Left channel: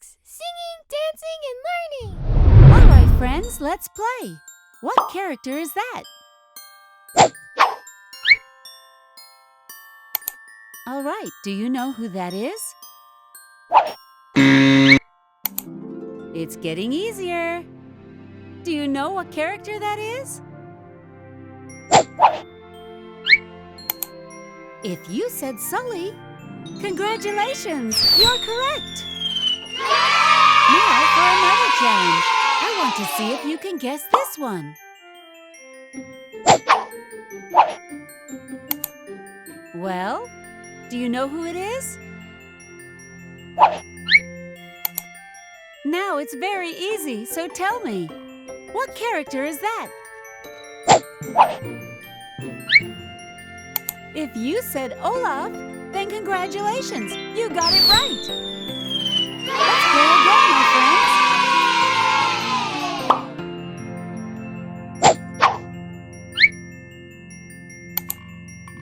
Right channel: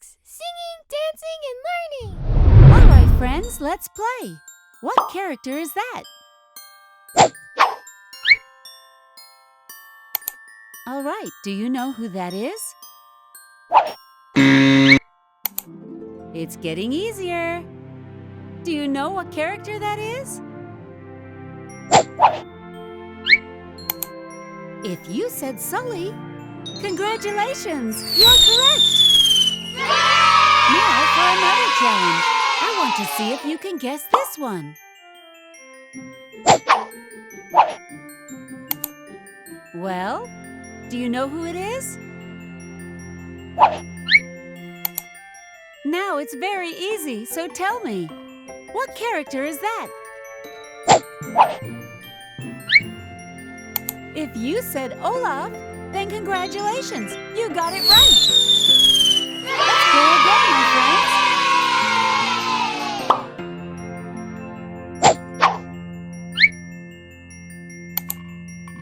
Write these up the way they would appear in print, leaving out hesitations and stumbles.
Infantix, singing, dancing, and learning. All right, friends, let's play. What character is that? All right, do you know who that is? It's getting easier. Do you know what character that is? If you said Sully, congratulations, you're correct. Now for another challenge. I want to see if you can guess this one. Well, do you know who it is? Now it's very easy, so tell me, what character is that? If you said Olaf, then congratulations, you got it right. Let's play again, my friends.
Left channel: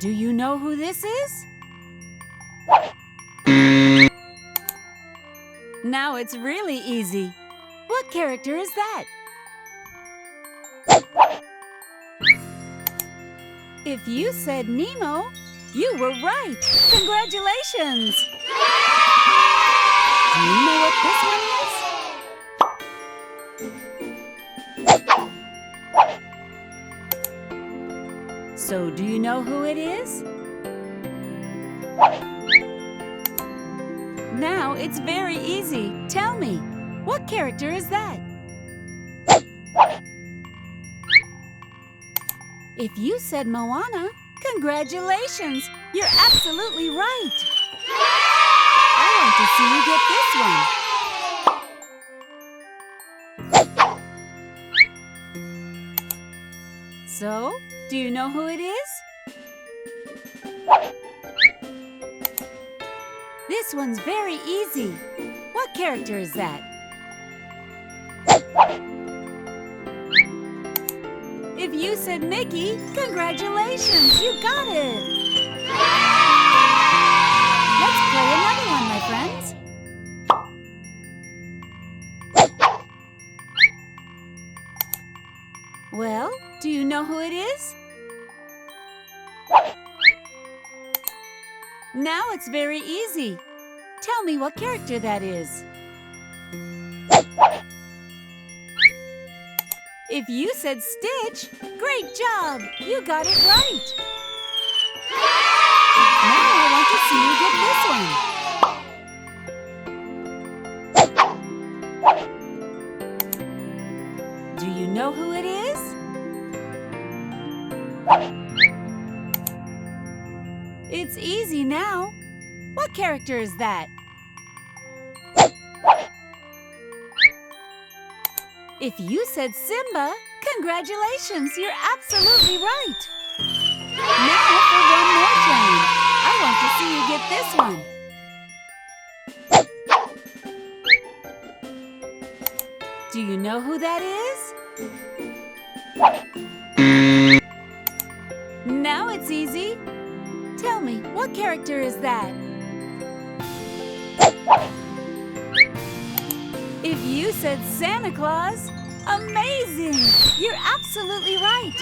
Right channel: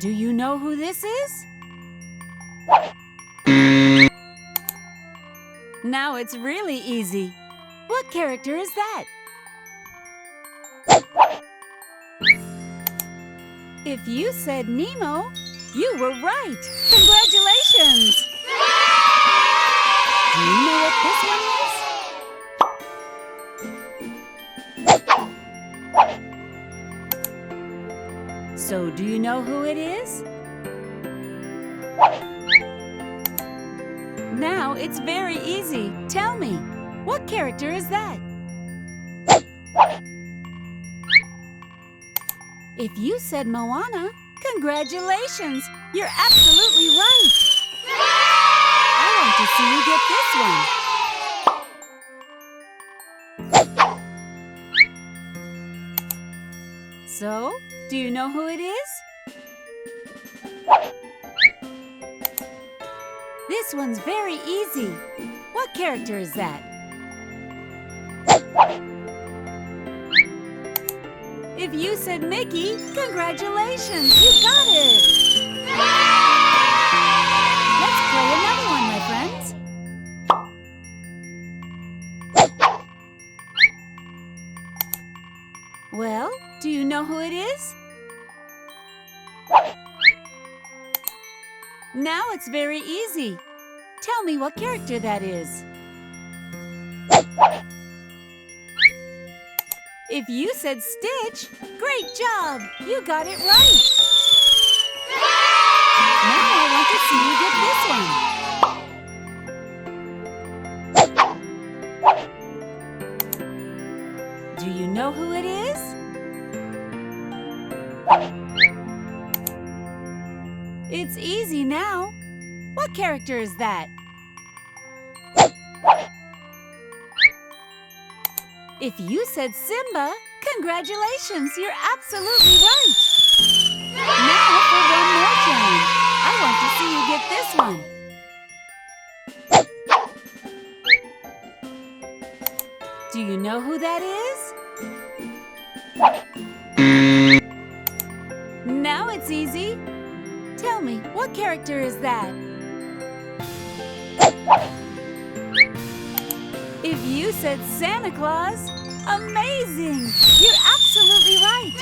Do you know who this is? Now it's really easy. What character is that? If you said Nemo, you were right. Congratulations! Do you know what this one is? So, do you know who it is? Now it's very easy. Tell me, what character is that? If you said Moana, congratulations! You're absolutely right! I want to see you get this one. So, do you know who it is? This one's very easy. What character is that? If you said Mickey, congratulations! You got it! Let's play another one, my friends. Well, do you know who it is? Now it's very easy. Tell me what character that is. If you said Stitch, great job! You got it right! Now I want to see you get this one. Do you know who it is? It's easy now. What character is that? If you said Simba, congratulations, you're absolutely right. Now for one more challenge. I want to see you get this one. Do you know who that is? Now it's easy. Tell me, what character is that? If you said Santa Claus, amazing! You're absolutely right!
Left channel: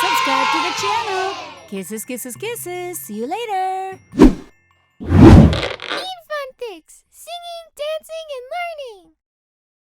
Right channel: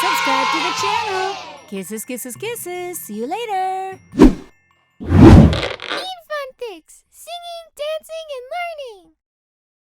Subscribe to the channel. Kisses, kisses, kisses. See you later.